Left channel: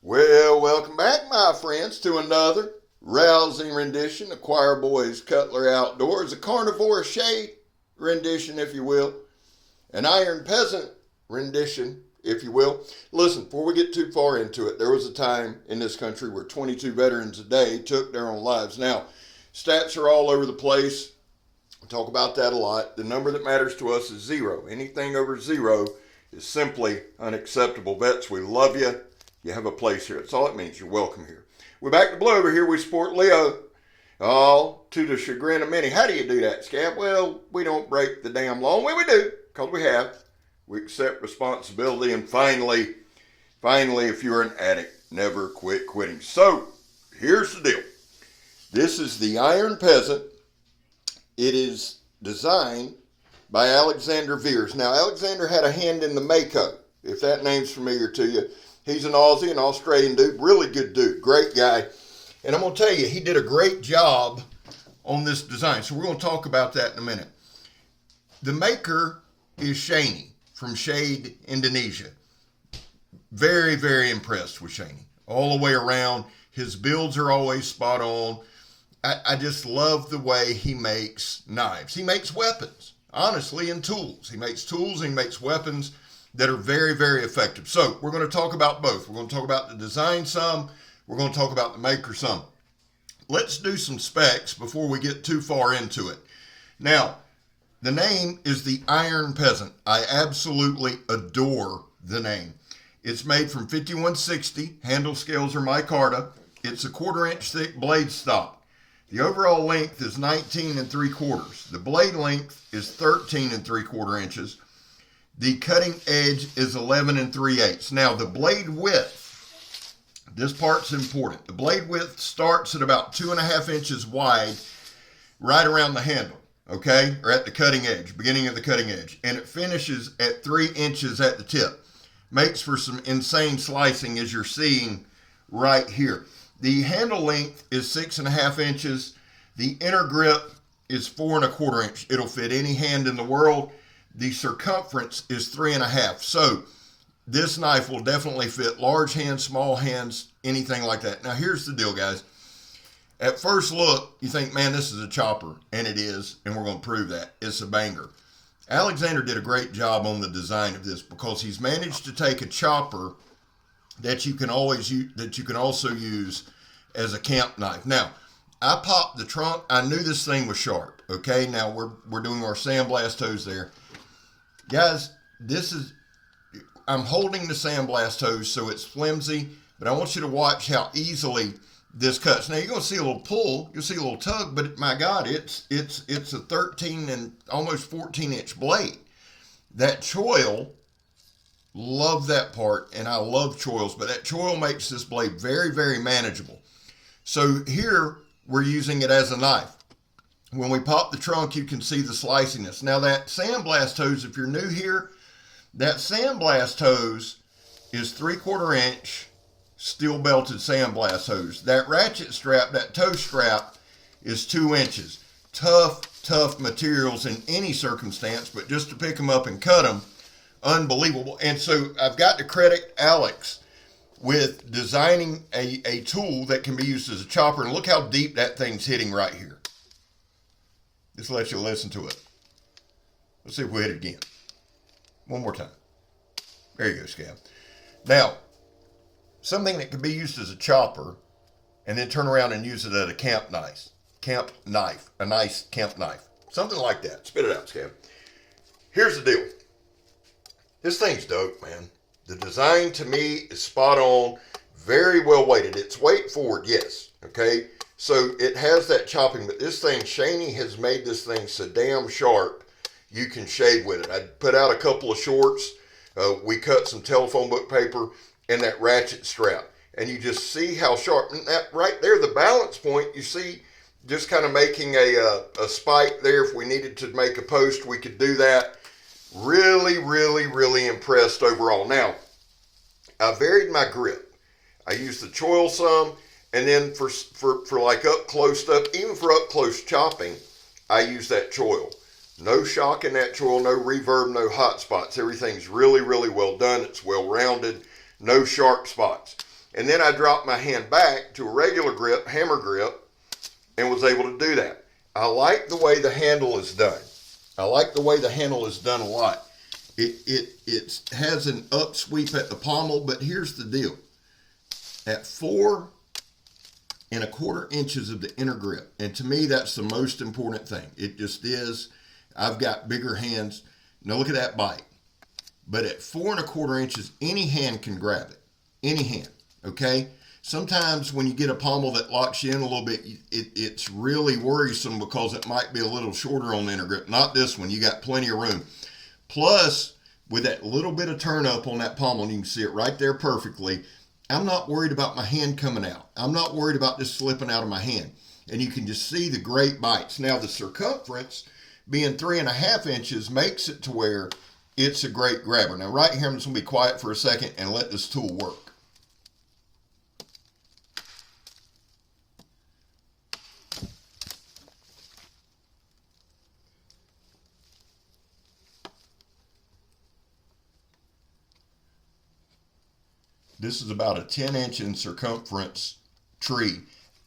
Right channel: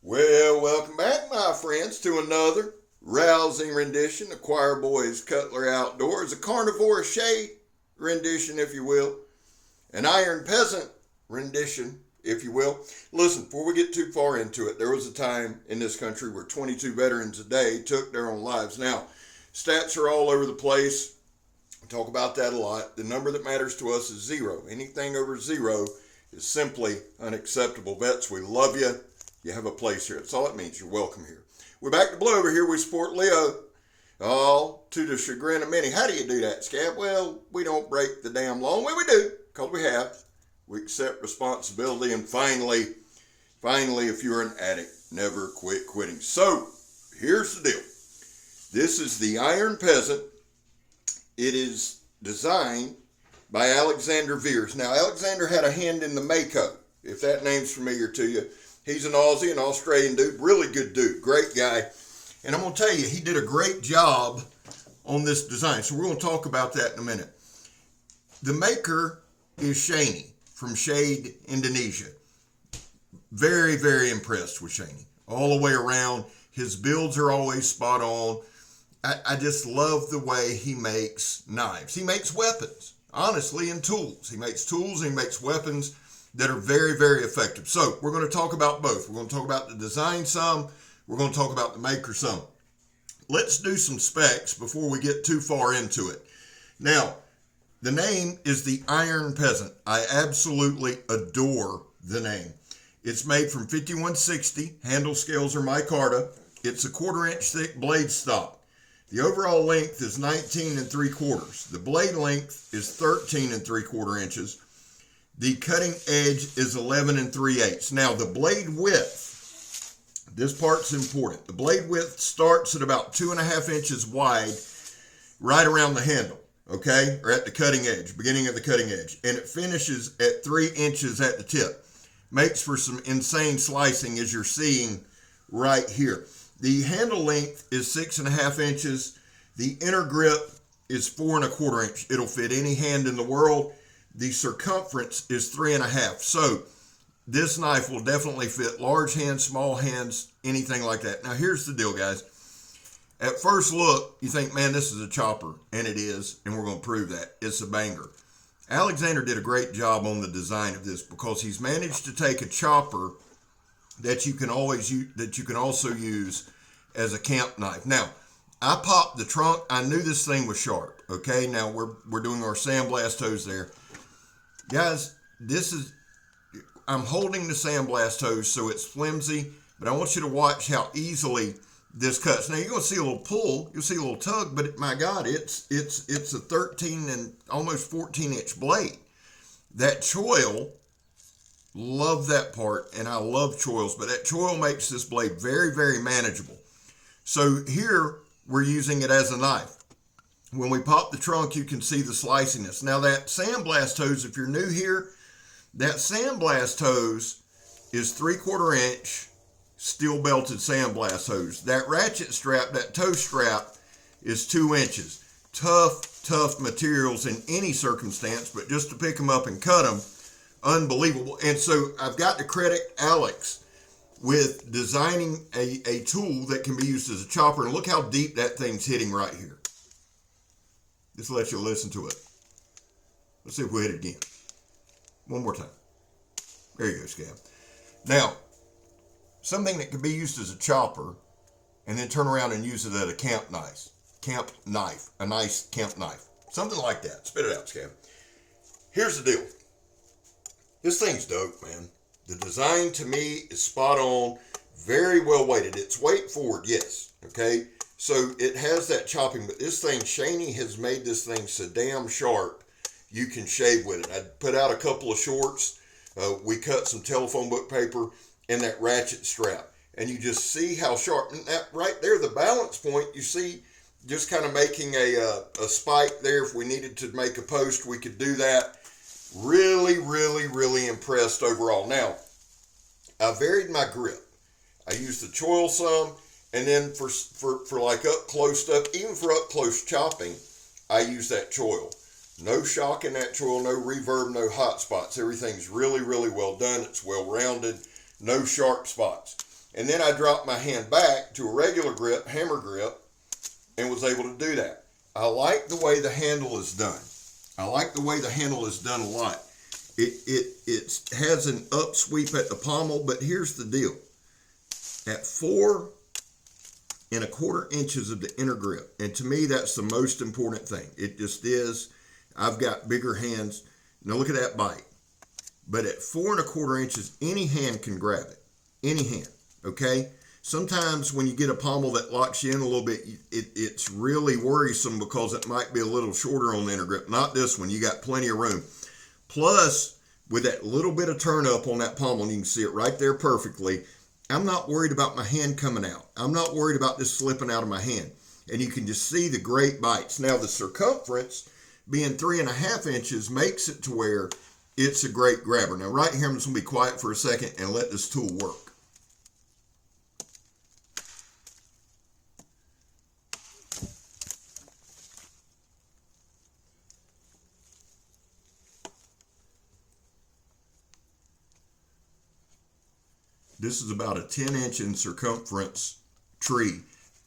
Well, welcome back, my friends, to another rousing rendition of Choir Boys Cutlery Outdoors, a Carnivora shade rendition, if you will, an Iron Peasant rendition, if you will. Listen, before we get too far into it, there was a time in this country where 22 veterans a day took their own lives. Now, stats are all over the place. We talk about that a lot. The number that matters to us is zero. Anything over zero is simply unacceptable. Vets, we love you. You have a place here. That's all it means. You're welcome here. We're back to Blue over here. We support Leo. All to the chagrin of many. How do you do that, Scab? Well, we don't break the damn law. Well, we do, because we have. We accept responsibility. And finally, if you're an addict, never quit quitting. So, here's the deal. This is the Iron Peasant. It is designed by Alexander VEARS. Now, Alexander had a hand in the Mako, if that name's familiar to you. He's an Aussie, an Australian dude, really good dude, great guy. And I'm going to tell you, he did a great job on this design. So we're going to talk about that in a minute. The maker is Shaney from Shade, Indonesia. Very, very impressed with Shaney. All the way around. His builds are always spot on. I just love the way he makes knives. He makes weapons, honestly, and tools. He makes tools and he makes weapons that are very, very effective. So we're going to talk about both. We're going to talk about the design some. We're going to talk about the maker some. Let's do some specs before we get too far into it. Now, the name is the Iron Peasant. I absolutely adore the name. It's made from 5160. Handle scales are micarta. It's a 1/4 inch thick blade stock. The overall length is 19 3/4. The blade length is 13 3/4 inches. The cutting edge is 11 3/8. Now, the blade width, this part's important. The blade width starts at about 2.5 inches wide, right around the handle, okay? Or at the cutting edge, beginning of the cutting edge. And it finishes at 3 inches at the tip. Makes for some insane slicing, as you're seeing right here. The handle length is 6.5 inches. The inner grip is 4 1/4 inch. It'll fit any hand in the world. The circumference is 3.5. So this knife will definitely fit large hands, small hands, anything like that. Now here's the deal, guys. At first look, you think, man, this is a chopper, and it is, and we're going to prove that. It's a banger. Alexander did a great job on the design of this because he's managed to take a chopper that you can always use, that you can also use as a camp knife. Now, I popped the trunk. I knew this thing was sharp. Okay, now we're doing our sandblast hose there. Guys, I'm holding the sandblast hose so it's flimsy, but I want you to watch how easily this cuts. Now you're going to see a little pull, you'll see a little tug, but my God, it's a 13 and almost 14 inch blade. That choil, love that part, and I love choils, but that choil makes this blade very, very manageable. So here we're using it as a knife. When we pop the trunk, you can see the sliciness. Now that sandblast hose, if you're new here, that sandblast hose is 3/4 inch steel belted sandblast hose. That ratchet strap, that toe strap, is 2 inches. Tough materials in any circumstance, but just to pick them up and cut them, unbelievable. And so I've got to credit Alex with designing a tool that can be used as a chopper. And look how deep that thing's hitting right here. Just let you listen to it. Let's see if we hit it again. One more time. There you go, Scab. Now, something that can be used as a chopper and then turn around and use it as a camp knife. A nice camp knife. Something like that. Spit it out, Scab. Here's the deal. This thing's dope, man. The design to me is spot on. Very well weighted. It's weight forward, yes. Okay? So it has that chopping, but this thing, Shaney has made this thing so damn sharp you can shave with it. I put out a couple of shorts. We cut some telephone book paper and that ratchet strap. And you just see how sharp. And that right there, the balance point, you see just kind of making a spike there. If we needed to make a post, we could do that. Really, really, really impressed overall. Now, I varied my grip. I used the choil some. And then for like up close stuff, even for up close chopping, I use that choil. No shock in that choil, no reverb, no hot spots. Everything's really, really well done. It's well rounded, no sharp spots. And then I dropped my hand back to a regular grip, hammer grip, and was able to do that. I like the way the handle is done. I like the way the handle is done a lot. It has an up sweep at the pommel, but here's the deal. At 4 1/4 inches of the inner grip, and to me that's the most important thing. It just is. I've got bigger hands. Now look at that bite. But at 4 1/4 inches, any hand can grab it. Any hand, okay? Sometimes when you get a pommel that locks you in a little bit, it's really worrisome because it might be a little shorter on the inner grip. Not this one. You got plenty of room. Plus, with that little bit of turn up on that pommel, and you can see it right there perfectly, I'm not worried about my hand coming out. I'm not worried about this slipping out of my hand. And you can just see the great bites. Now, the circumference being 3 1/2 inches makes it to where it's a great grabber. Now, right here, I'm just going to be quiet for a second and let this tool work. This is about a 10-inch in circumference tree.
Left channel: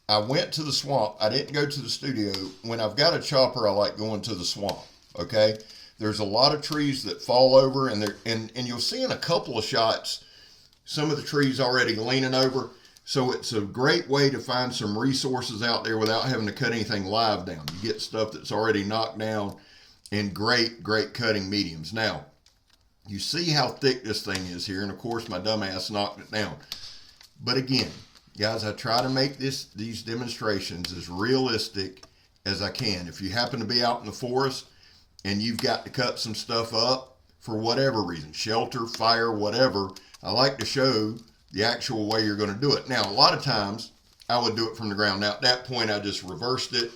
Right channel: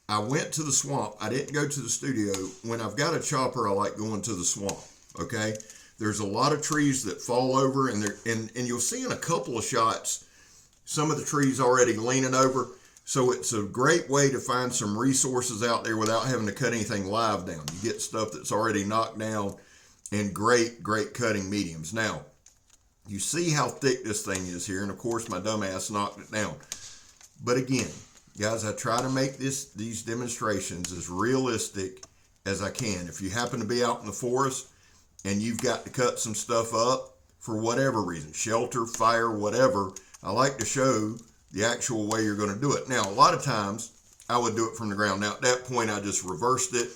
I went to the swamp. I didn't go to the studio. When I've got a chopper, I like going to the swamp, okay? There's a lot of trees that fall over, and you'll see in a couple of shots some of the trees already leaning over. So it's a great way to find some resources out there without having to cut anything live down. You get stuff that's already knocked down in great cutting mediums. Now, you see how thick this thing is here, and of course my dumbass knocked it down. But again, guys, I try to make these demonstrations as realistic as I can. If you happen to be out in the forest and you've got to cut some stuff up for whatever reason, shelter, fire, whatever, I like to show the actual way you're going to do it. Now, a lot of times I would do it from the ground. Now, at that point, I just reversed it,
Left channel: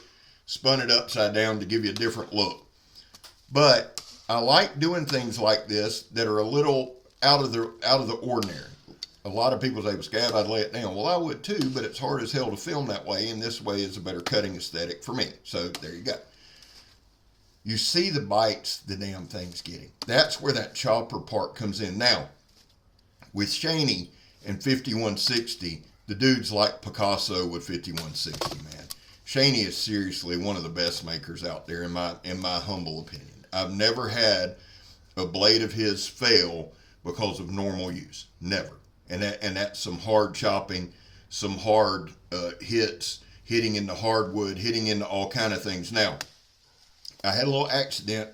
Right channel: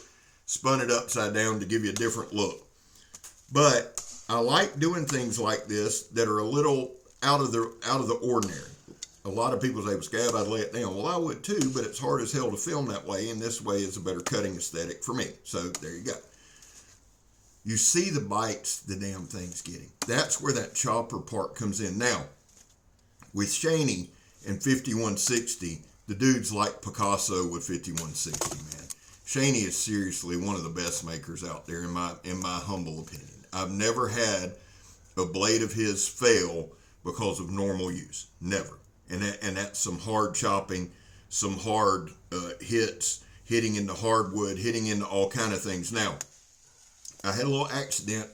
spun it upside down to give you a different look. But I like doing things like this that are a little out of the ordinary. A lot of people say, well, Scab, I'd lay it down. Well, I would too, but it's hard as hell to film that way, and this way is a better cutting aesthetic for me. So there you go. You see the bites the damn thing's getting. That's where that chopper part comes in. Now, with Shaney and 5160, the dude's like Picasso with 5160, man. Shaney is seriously one of the best makers out there in my humble opinion. I've never had a blade of his fail because of normal use. Never. And that's some hard chopping, some hard hits, hitting into hardwood, hitting into all kind of things. Now, I had a little accident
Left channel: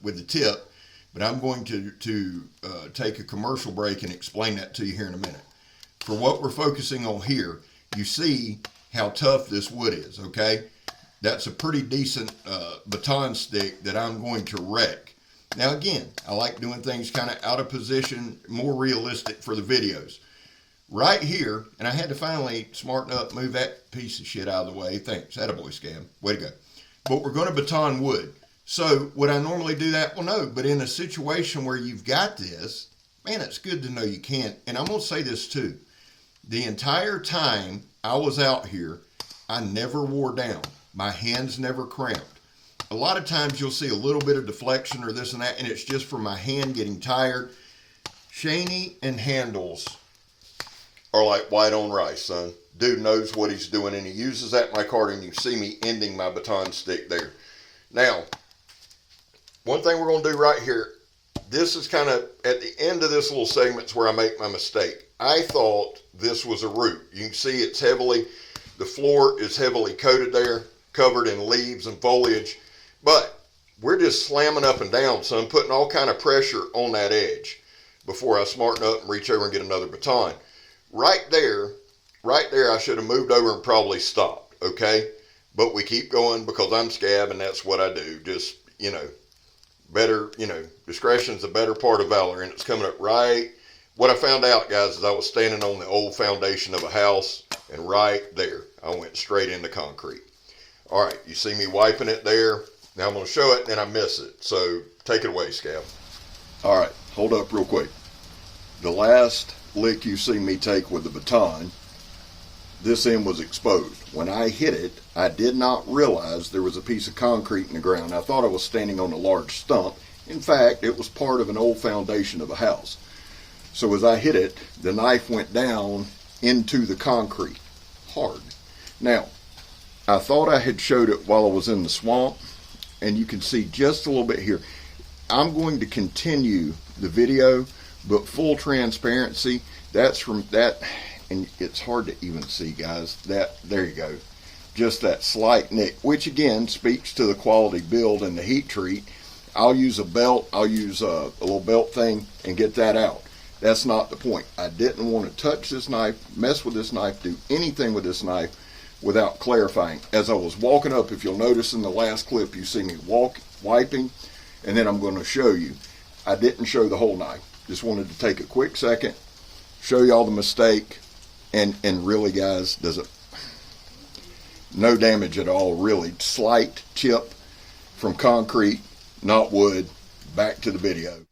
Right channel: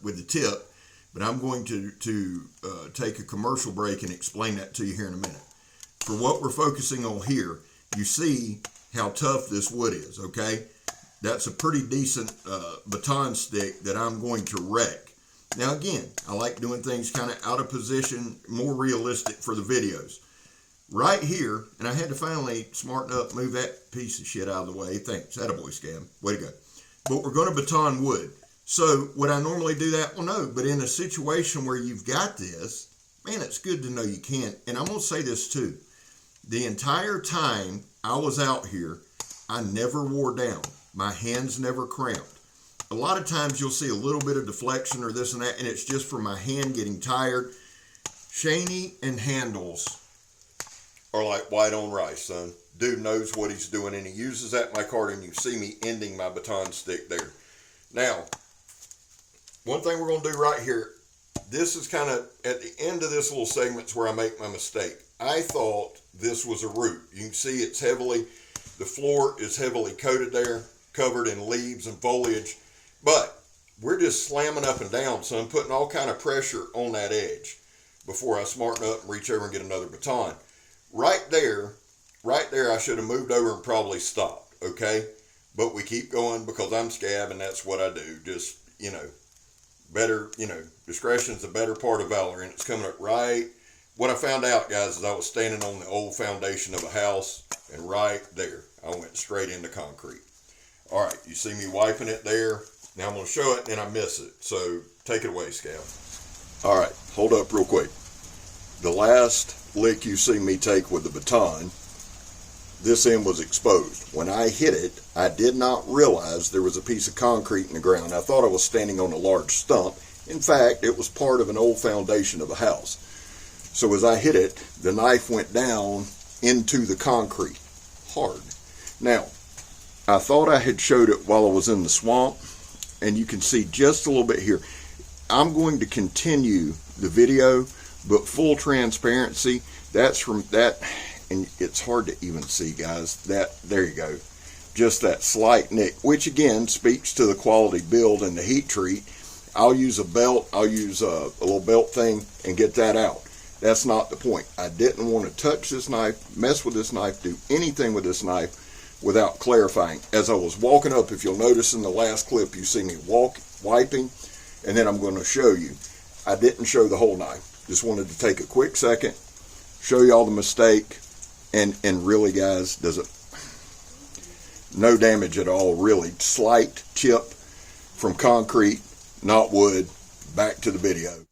with the tip, but I'm going to take a commercial break and explain that to you here in a minute. For what we're focusing on here, you see how tough this wood is, okay? That's a pretty decent baton stick that I'm going to wreck. Now again, I like doing things kind of out of position, more realistic for the videos. Right here, and I had to finally smarten up, move that piece of shit out of the way. Thanks, attaboy, Scab, way to go. But we're going to baton wood. So would I normally do that? Well, no, but in a situation where you've got this, man, it's good to know you can. And I'm going to say this too. The entire time I was out here, I never wore down. My hands never cramped. A lot of times you'll see a little bit of deflection or this and that, and it's just from my hand getting tired. Shaney and handles are like white on rice, son. Dude knows what he's doing, and he uses that in my cart, and you see me ending my baton stick there. Now, one thing we're going to do right here, this is kind of at the end of this little segment where I make my mistake. I thought this was a root. You can see the floor is heavily coated there, covered in leaves and foliage, but we're just slamming up and down, son, putting all kind of pressure on that edge before I smarten up and reach over and get another baton. Right there, I should have moved over and probably stopped, okay? But we keep going because I'm Scab and that's what I do. Just, discretion's the better part of valor, and it's coming up right. What I found out, guys, is I was standing on the old foundation of a house, and right there, I went straight into concrete. All right, you see me wiping it there. Now I'm going to show it, and then I miss it. So take it away, Scab. All right, hold up real quick. The last lick you see me take with the baton, this end was exposed. When I hit it, I did not realize there was a piece of concrete in the ground. I thought I was standing on a large stump. In fact, it was part of an old foundation of a house. So as I hit it, the knife went down into the concrete, hard. Now, I thought I had showed it while I was in the swamp, and you can see just a little bit here. I'm going to continue the video, but full transparency, that's from that, and it's hard to even see, guys, that, there you go, just that slight nick, which again speaks to the quality build and the heat treat. I'll use a belt, I'll use a little belt thing and get that out. That's not the point. I didn't want to touch this knife, mess with this knife, do anything with this knife without clarifying. As I was walking up, if you'll notice in the last clip, you see me wiping, and then I'm going to show you. I didn't show the whole knife. Just wanted to take a quick second, show you all the mistake, and really, guys, does it, no damage at all, really. Slight chip from concrete, not wood. Back to the video.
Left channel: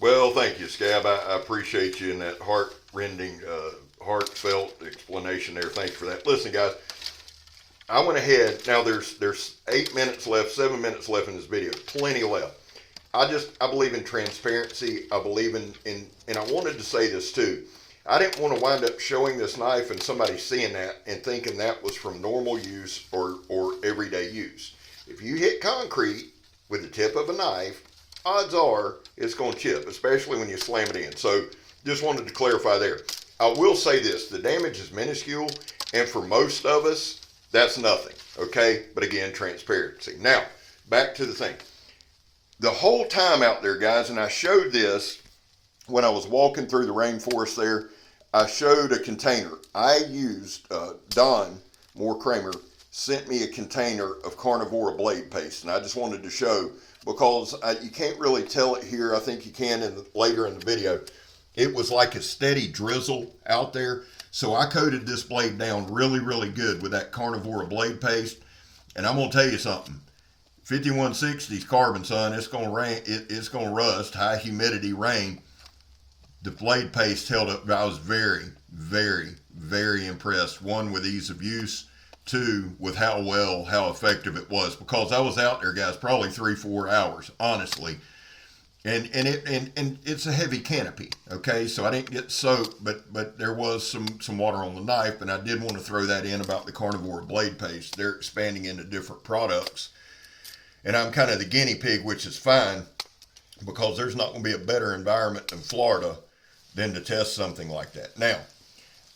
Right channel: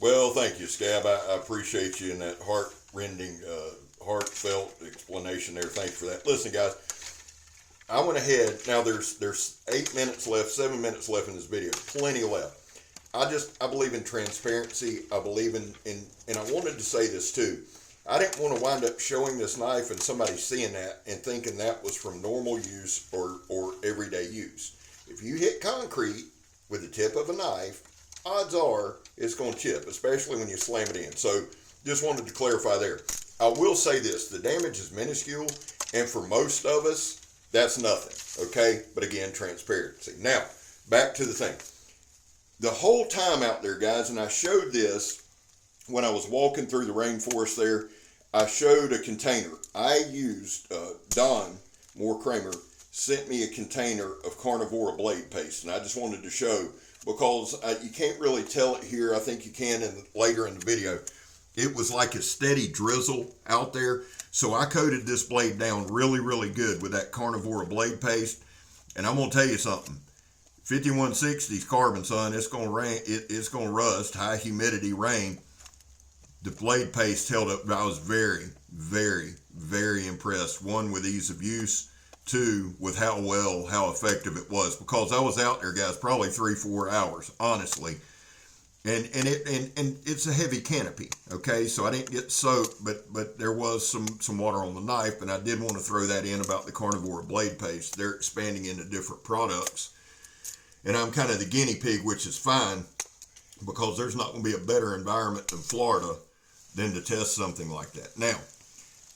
Well, thank you, Scab. I appreciate you in that heart-rending, heartfelt explanation there. Thank you for that. Listen, guys, I went ahead. Now there's 8 minutes left, 7 minutes left in this video. Plenty left. I believe in transparency. I believe in, and I wanted to say this too. I didn't want to wind up showing this knife and somebody seeing that and thinking that was from normal use or everyday use. If you hit concrete with the tip of a knife, odds are it's going to chip, especially when you slam it in. So just wanted to clarify there. I will say this, the damage is minuscule, and for most of us, that's nothing, okay? But again, transparency. Now, back to the thing. The whole time out there, guys, and I showed this when I was walking through the rainforest there, I showed a container. I used, Don Moore Kramer sent me a container of Carnivora blade paste, and I just wanted to show, because you can't really tell it here. I think you can later in the video. It was like a steady drizzle out there. So I coated this blade down really, really good with that Carnivora blade paste. And I'm going to tell you something. 5160's carbon, son, it's going to rain. It's going to rust, high humidity, rain. The blade paste held up. I was very, very, very impressed. One, with ease of use. Two, with how effective it was. Because I was out there, guys, probably 3-4 hours, honestly. And it's a heavy canopy, okay? So I didn't get soaked, but there was some water on the knife, and I did want to throw that in about the Carnivora blade paste. They're expanding into different products, and I'm kind of the guinea pig, which is fine, because there's not going to be a better environment in Florida than to test something like that. Now,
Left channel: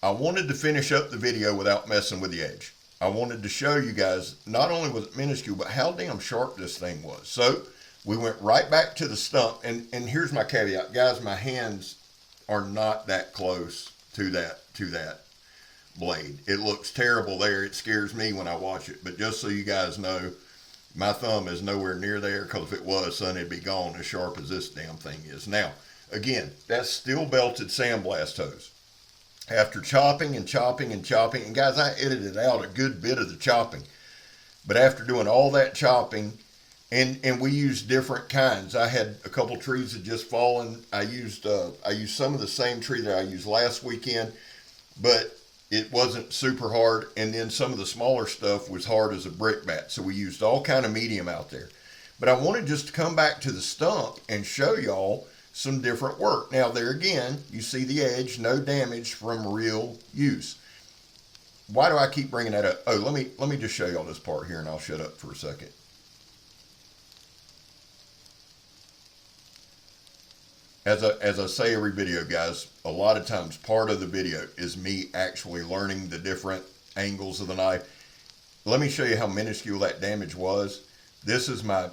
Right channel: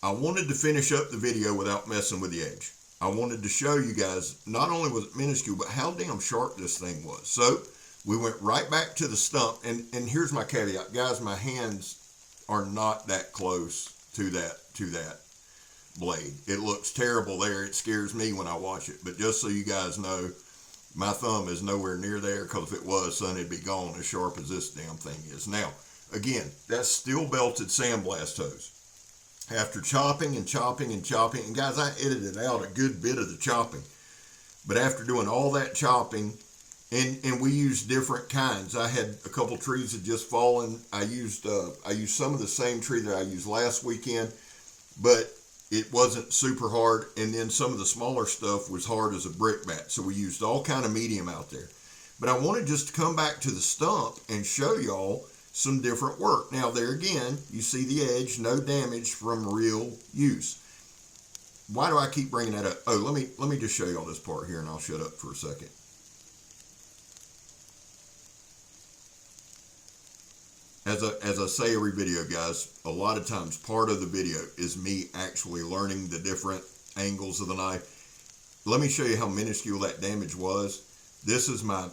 I wanted to finish up the video without messing with the edge. I wanted to show you guys, not only was it minuscule, but how damn sharp this thing was. So we went right back to the stump, and here's my caveat, guys. My hands are not that close to that blade. It looks terrible there. It scares me when I watch it. But just so you guys know, my thumb is nowhere near there, because if it was, son, it'd be gone as sharp as this damn thing is. Now, again, that's steel belted sandblast hose. After chopping and chopping and chopping, and guys, I edited out a good bit of the chopping. But after doing all that chopping, and we used different kinds. I had a couple trees that just fallen. I used some of the same tree that I used last weekend, but it wasn't super hard. And then some of the smaller stuff was hard as a brick bat. So we used all kind of medium out there. But I wanted just to come back to the stump and show y'all some different work. Now there again, you see the edge, no damage from real use. Why do I keep bringing that up? Oh, let me just show y'all this part here, and I'll shut up for a second. As I say every video, guys, a lot of times part of the video is me actually learning the different angles of the knife. Let me show you how minuscule that damage was. This is my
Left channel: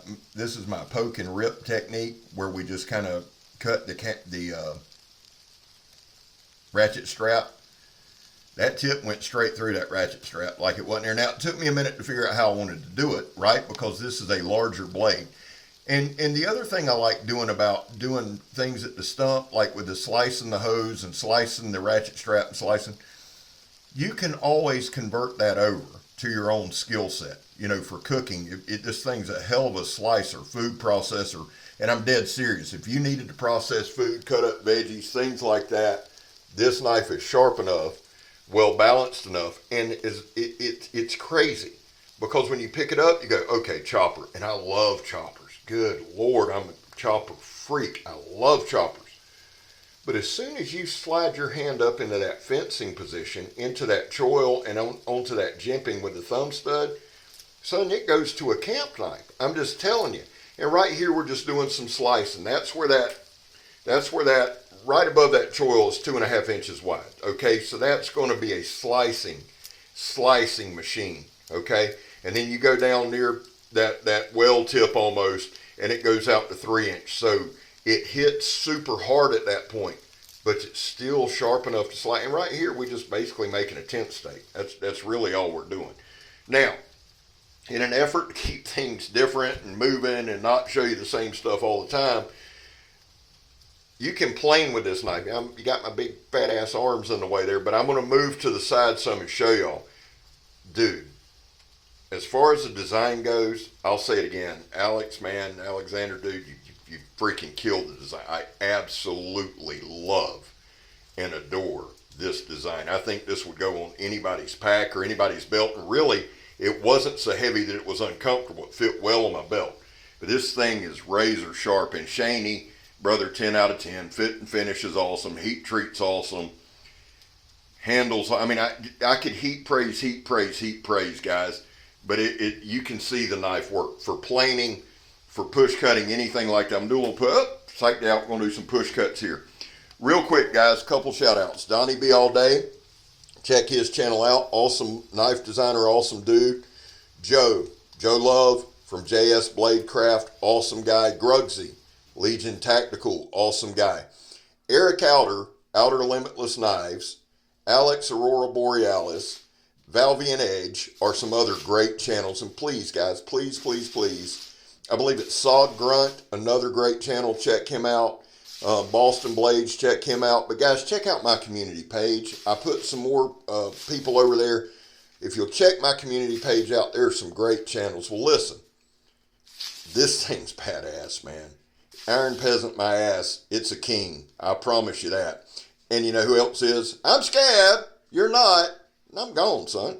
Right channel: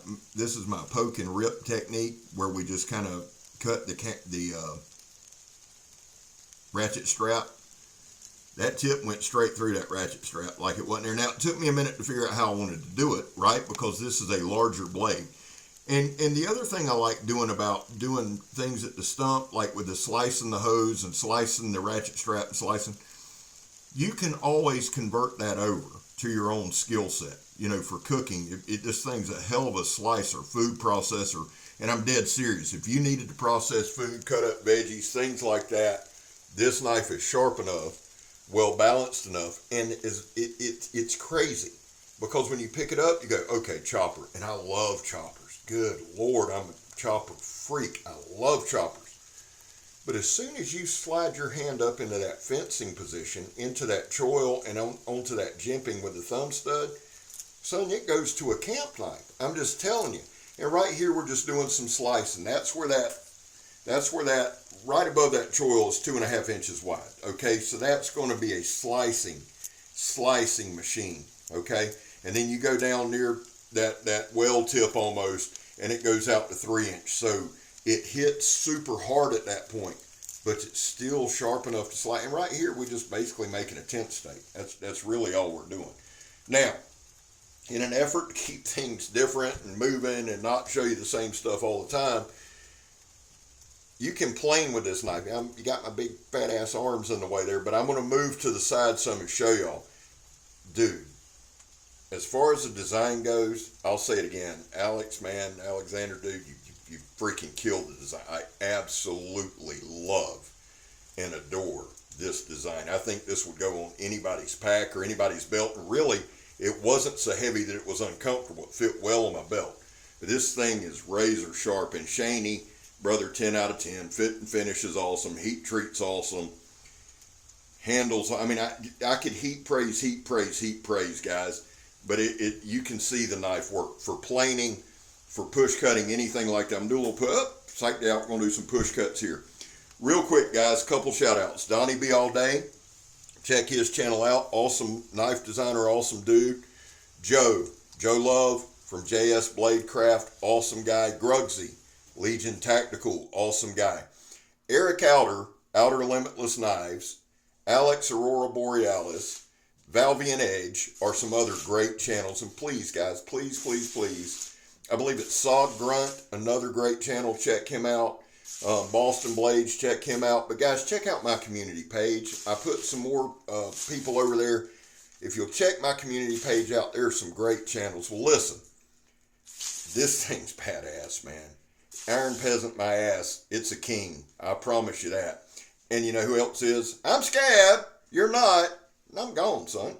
poke and rip technique, where we just kind of cut the ratchet strap. That tip went straight through that ratchet strap like it wasn't there. Now, it took me a minute to figure out how I wanted to do it, right? Because this is a larger blade. And the other thing I like doing about doing things at the stump, like with the slicing the hose and slicing the ratchet strap and slicing, you can always convert that over to your own skill set. You know, for cooking, this thing's a hell of a slicer, food processor. And I'm dead serious. If you needed to process food, cut up veggies, things like that, this knife is sharp enough, well balanced enough, and it's crazy. Because when you pick it up, you go, okay, chopper. And I love choppers. Good Lord, I'm a chopper freak. I love choppers. But as soon as you slide your hand up into that fencing position, into that choil and onto that jimping with the thumb stud, son, it goes to a camp knife. I'm just telling you. And right here, we're just doing some slicing. That's where that, right above that choil is 2.5 inches wide. Okay, so that's going to be a slicing machine. Okay, and then you go down near that well tip almost, and it goes out to 3 inch. So it hits super hard at that point, but it's still sharp enough to slice. And right here, we're just basically making a tent stake. That's really all we're doing. Now, in an effort to keep things different and moving and not show you the same stuff all the time, you can plane with this knife. You got my big fat ass arms in the way there, but I'm going to move to the side some and show y'all. Dude, as far as the design goes, I'll say it again. Alexander, dude, you freaking killed the design. I absolutely love and adore this design. I think this would go on anybody's pack or anybody's belt. And really, it wasn't so heavy that it was uncomfortable. It fit well on my belt. But this thing is razor sharp and shiny. Brother, 10 out of 10. Fit and finish is awesome. Heat treat's awesome. Handles, I mean, I could heat praise, guys. But you can see the knife work. For planing, for push cutting, anything like that. I'm doing a little psyched out. We're going to do some push cuts here. Real quick, guys, couple shout outs. Donnie B All Day. Check his channel out. Awesome knife designer, awesome dude. Joe Love from JS Blade Craft, awesome guy. Grugsy, Legion Tactical, awesome guy. Eric Outer Limitless Knives, Alex Aurora Borealis, Valvian Edge are some other great channels. And please, guys, please, I believe it's Sod Grunt, another great channel. Check him out. Boston Blades, check him out. But guys, check out my community page. I put some more people over there. If you'll check my community page out, there's some great channels. Well, listen, this thing's badass, man. Iron Peasant, my ass, it's a king. I promise you that. And you know who else is? I'm Scab. You're not. And I'm gone, son.